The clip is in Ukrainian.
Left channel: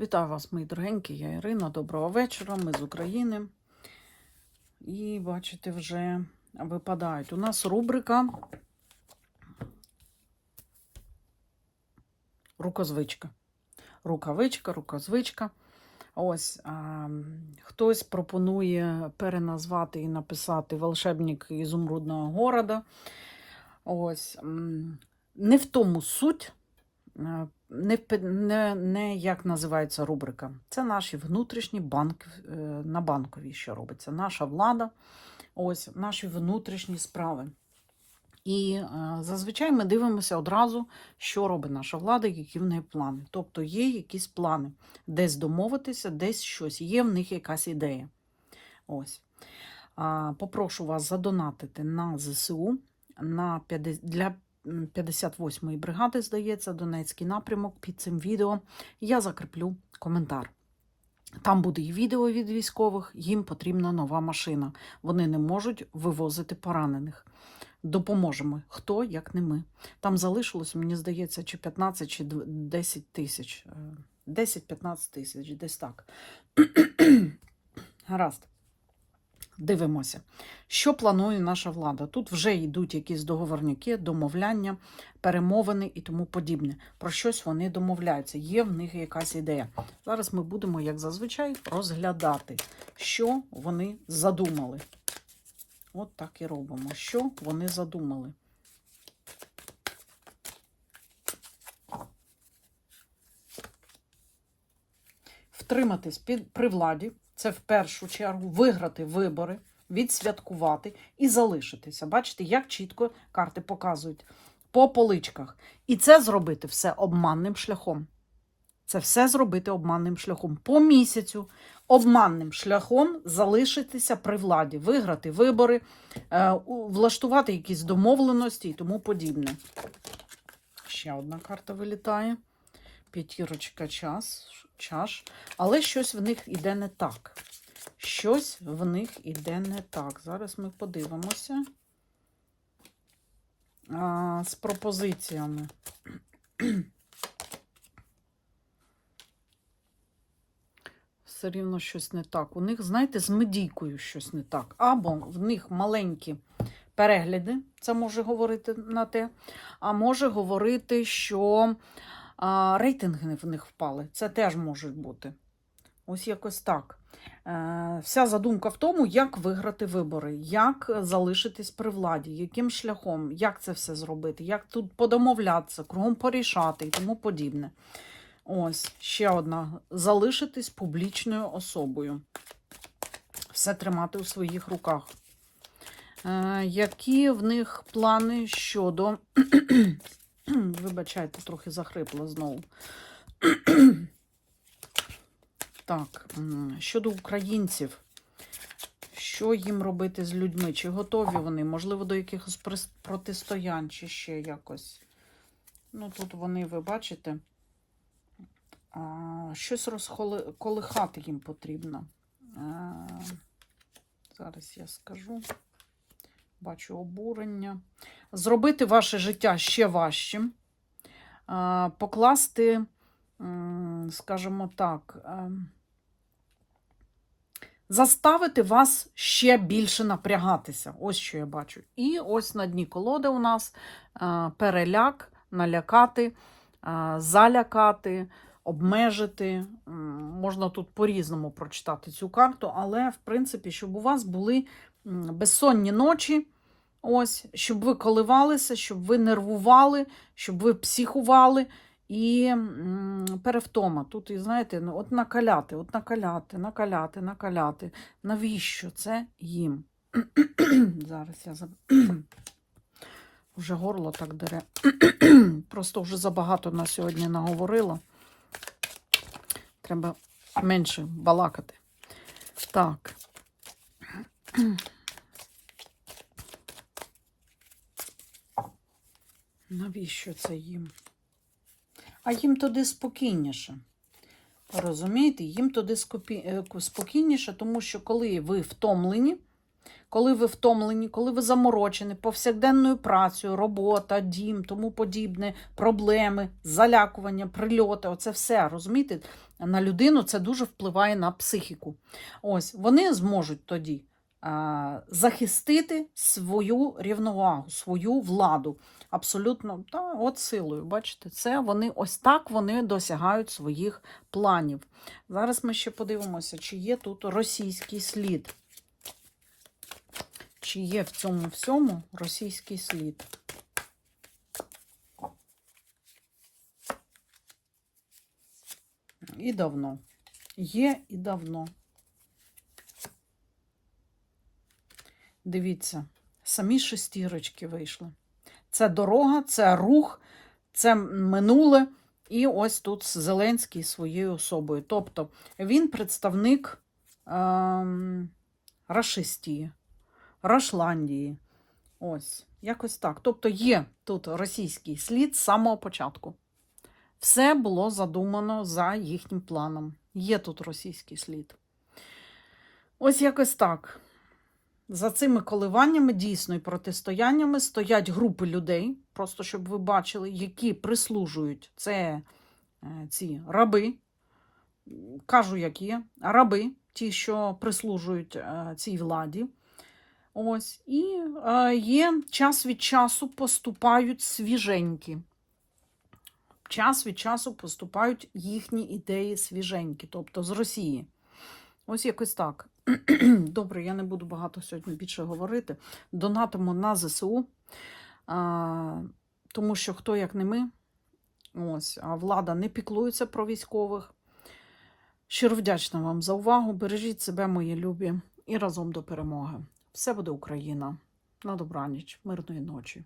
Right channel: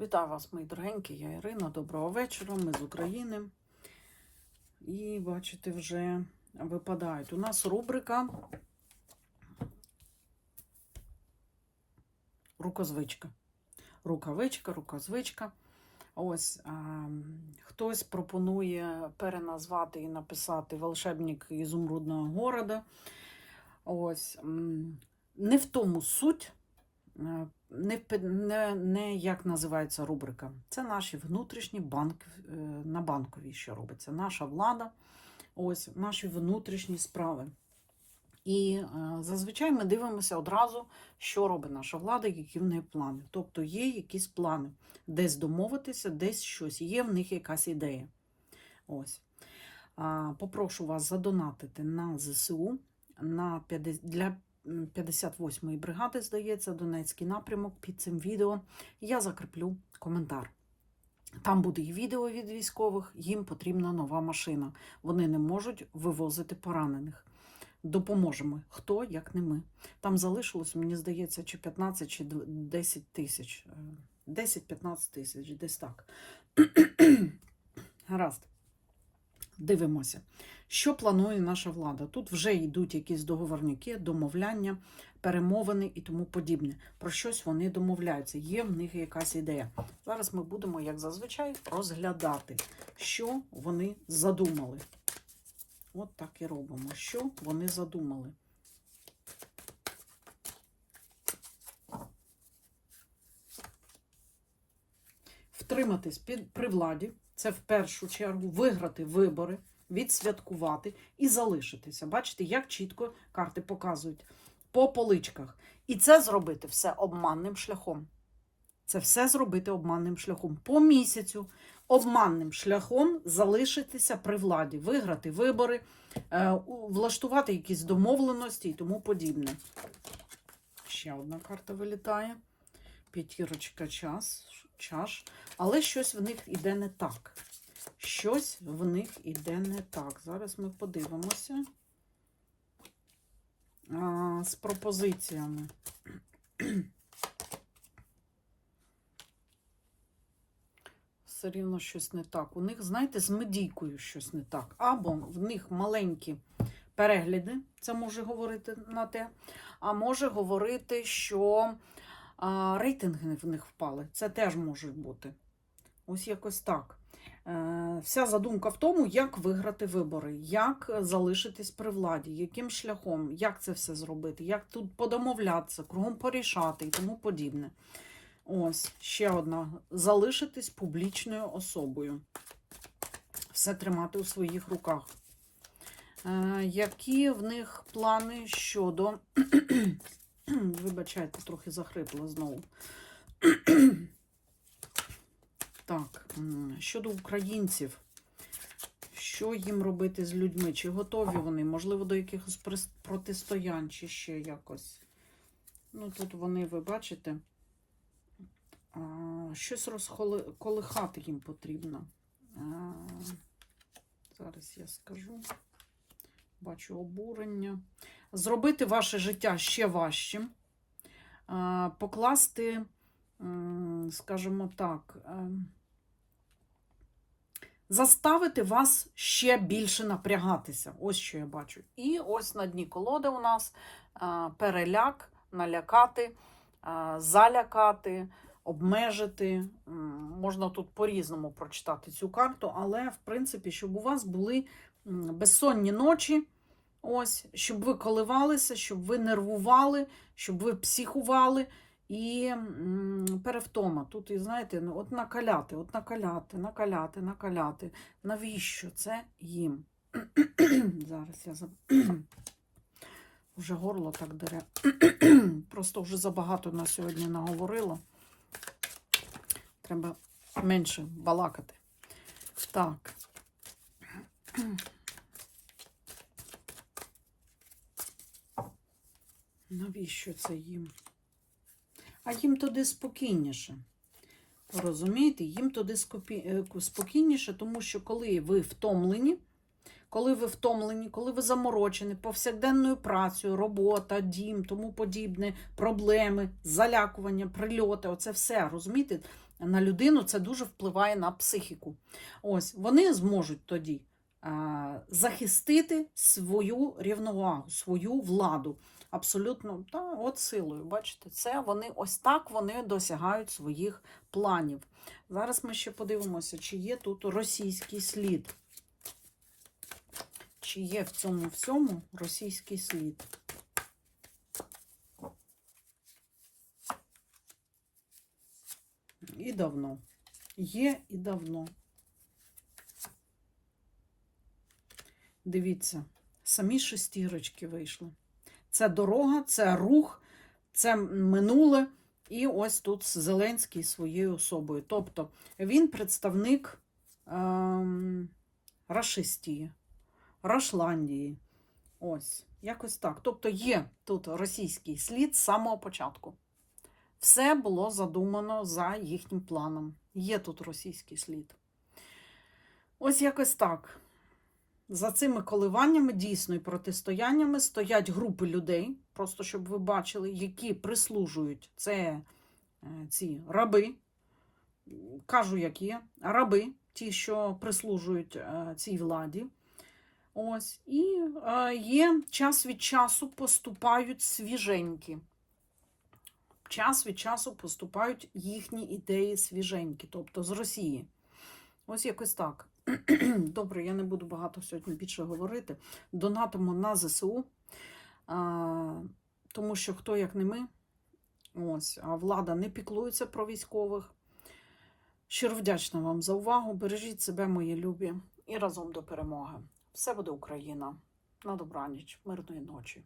Вітаю вас, мої дорогенькі, я Ірина. Доброго вечора. Ми з України. І бачите, вже випадають. У нас рубрика Рукозвичка. Рукавичка, рукозвичка. Ось а, хтось пропонує переназвати і написати волшебник ізумрудного города. Ось не в тому суть. Е, не, не, не як називається рубрика. Це наші внутрішні банк, е, на банковій, що робиться. Наша влада, ось наші внутрішні справи. І е, зазвичай ми дивимося одразу, що робить наша влада, які в неї плани. Тобто є якісь плани, десь домовитися, десь щось, є в них якась ідея. Ось. Попрошу вас задонатити на ЗСУ на 50, для 58-ї бригади, здається, Донецький напрямок під цим відео. Я закріплю коментар. Там буде і відео від військових, їм потрібна нова машина. Вони не можуть вивозити поранених. Допоможемо. Хто, як не ми. Там залишилось, мені здається, чи 15, чи 10 тисяч. Е, 10-15 тисяч, десь так. Гаразд. Дивимося, що планує наша влада. Тут вже йдуть якісь договорники, домовляння, перемовини і тому подібне. Про щось вони домовляються. Є в них якась ідея. Зараз ми будемо, як зазвичай, розглядати, що вони задумали. От так і робимо. Що вони задумали. Втриматись під, при владі це в першу чергу виграти вибори, відсвяткувати і залишитися. Бачите, як чітко карти показують по поличках. І це зробити все обманним шляхом. Це все зробити обманним шляхом. По місяцю обманним шляхом залишитися при владі, виграти вибори, е, влаштувати якісь домовленості і тому подібне. Ще одна карта вилітає. П'ятірочка час, чаш. Але щось в них іде не так. Щось в них іде не так. Зараз ми подивимося а, з пропозиціями. Все рівно щось не так. У них, знаєте, з медійкою щось не так. Або в них маленькі перегляди, це може говорити на те, а може говорити, що а, рейтинги в них впали. Це теж може бути. Ось якось так. Е, Вся задумка в тому, як виграти вибори, як залишитись при владі, яким шляхом, як це все зробити, як тут подомовлятися, кругом порішати і тому подібне. Ось ще одна: залишитись публічною особою. Все тримати у своїх руках. Е, Які в них плани щодо. Вибачайте, трохи захрипла знову. Так, щодо українців, що їм робити з людьми? Чи готові вони? Можливо, до якихось протистоянь, чи ще якось. Ну, тут вони, ви бачите, щось розколихати їм потрібно. Зараз я скажу. Бачу обурення. Зробити ваше життя ще важчим. Покласти, скажімо так, заставити вас ще більше напрягатися. Ось що я бачу. І ось на дні колоди у нас переляк, налякати, залякати, обмежити. Можна тут по-різному прочитати цю карту, але, в принципі, щоб у вас були безсонні ночі. Ось, щоб ви коливалися, щоб ви нервували, щоб ви психували і перевтома. Тут, і знаєте, ну, от накаляти, от накаляти, накаляти, накаляти. Навіщо це їм? Зараз я заб... вже горло так дере. Просто вже забагато на сьогодні наговорила. Треба менше балакати. Так. Навіщо це їм? А їм туди спокійніше. Розумієте, їм туди е, спокійніше, тому що коли ви втомлені, коли ви втомлені, коли ви заморочені повсякденною працею, робота, дім, тому подібне, проблеми, залякування, прильоти. Оце все розумієте? На людину це дуже впливає на психіку. Ось вони зможуть тоді а, захистити свою рівновагу, свою владу. Абсолютно, та, от силою, бачите, це вони ось так вони досягають своїх планів. Зараз ми ще подивимося, чи є тут російський слід. Чи є в цьому всьому російський слід? І давно. Є і давно. Дивіться, самі шестірочки вийшли. Це дорога, це рух, це минуле. І ось тут Зеленський своєю особою. Тобто він представник ем, Рашистії, Рашландії. Ось, якось так. Тобто є тут російський слід з самого початку. Все було задумано за їхнім планом. Є тут російський слід. Ось якось так. За цими коливаннями, дійсно і протистояннями стоять групи людей, просто щоб ви бачили, які прислужують це е, ці раби, кажу, як є, раби, ті, що прислужують е, цій владі. Ось, і е, є час від часу поступають свіженькі. Час від часу поступають їхні ідеї свіженькі, тобто з Росії. Ось якось так. Добре, я не буду багато сьогодні більше говорити. Донатимо на ЗСУ, а, тому що хто як не ми, ось, а влада не піклується про військових. Щиро вдячна вам за увагу. Бережіть себе, мої любі, і разом до перемоги. Все буде Україна. На добраніч, мирної ночі.